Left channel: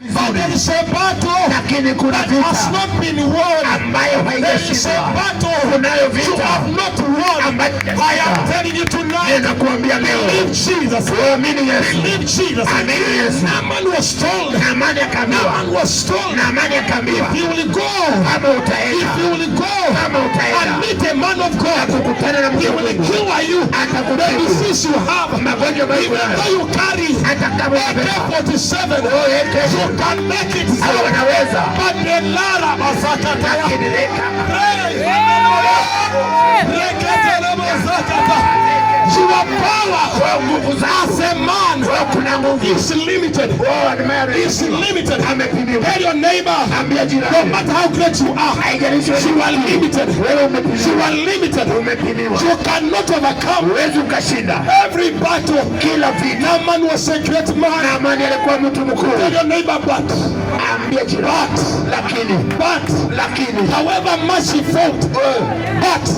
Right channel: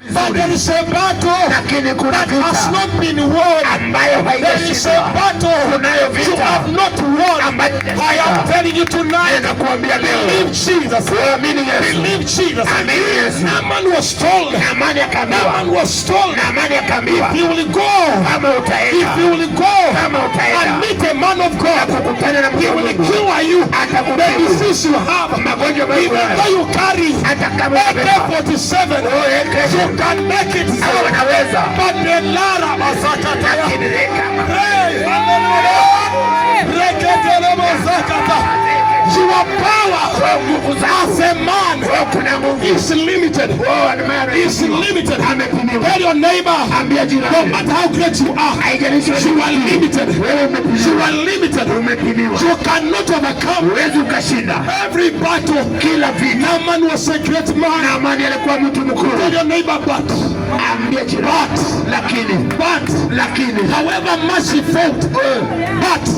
But there is a battle that has not been won. There is a battle you have not won. I am telling you tonight, believe Jesus. Believe Jesus. Naaman was told, if you will go and meet a man of God, he will cure you the disease you have. Even you carry AK-47, you can make it. But the Lara Masakata, your power as a man is limited. Is limited. Tell your neighbor, no matter how great you are, you are limited. You are limited. You cannot overcome every battle. Naaman was a great man. Tell your neighbor, but however much he fought, but